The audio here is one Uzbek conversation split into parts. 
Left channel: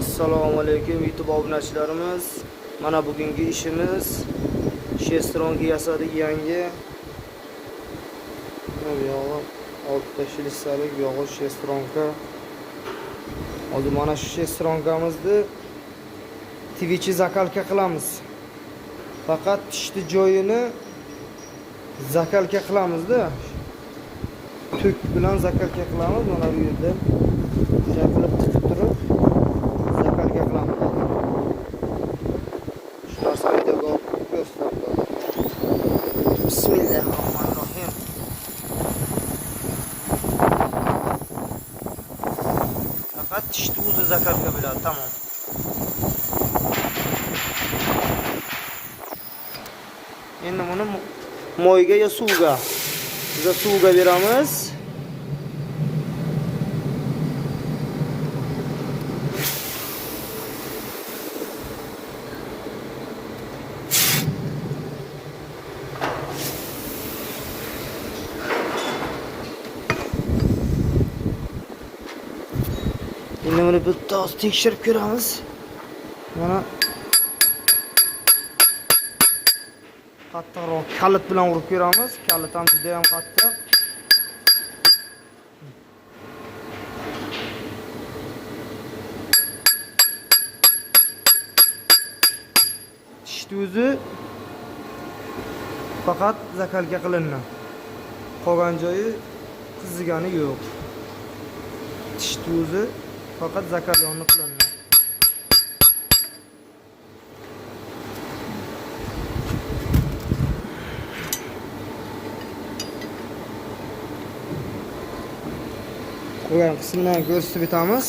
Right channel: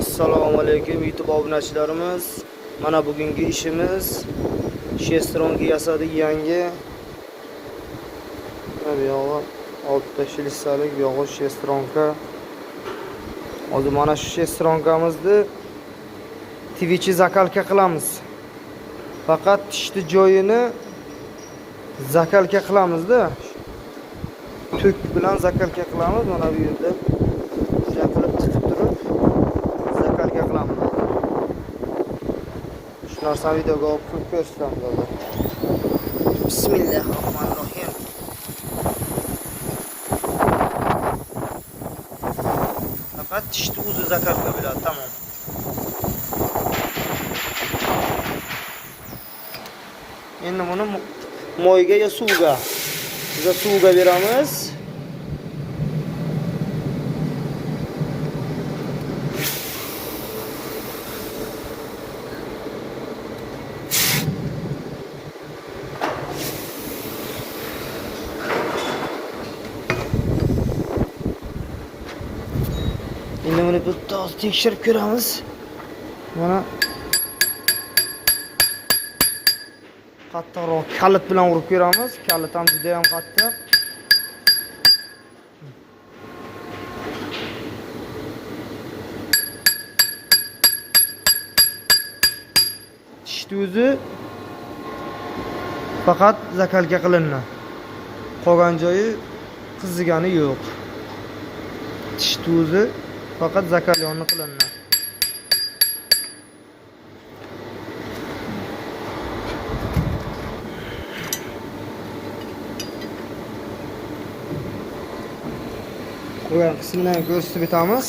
Assalomu alaykum YouTube obunachilarimiz. Mana bugungi ishimiz shestronka yasadik yangi. Bu yog'i oltita shilissalik, bu yog'i shestronka. Hozir mana shu shestronkamizni Twitch'i zakalka qilamiz. Faqat tishli joyini zakalka qilamiz-da. Tuk bilan zakalka qilamiz. Mana bu yerda shakilib tiqib turib zakalka qilamiz. Shu narsani videoga olib ko'rsatamiz. Bismillahirrohmanirrohim. Faqat tishni o'zi zakalka biladi, tamom. Endi buni moyga yo suvga. Biz suvga beramiz. Endi buni bitta tekshirib ko'ramiz. Mana qattiqroq kalit bilan urib ko'ramiz. Kalit ham juda ham qattiq. Tishni o'zi faqat zakalka qilinadi. Qolgan joyi qizigani yo'q. Tishni o'zi faqat zakalyonni qilinadi. Qo'ygan qismini ko'rsatib o'tamiz.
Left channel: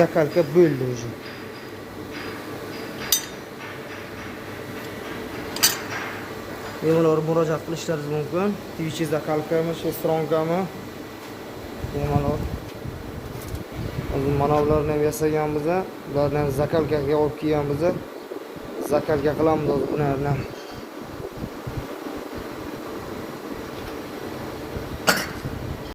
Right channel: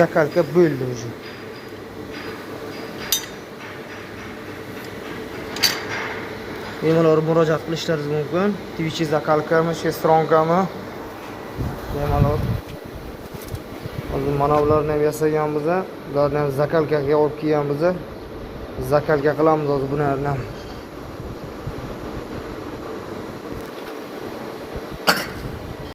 Zakalka bo'ldi o'zi. Bemalol murojaat qilishlaringiz mumkin. Twitch zakalkami, shestronkami? Bemalol. Hozir mana ularni ham yasaganmiz, ularni ham zakalkaga olib kelganmiz. Zakalka qilamiz hozir bularni.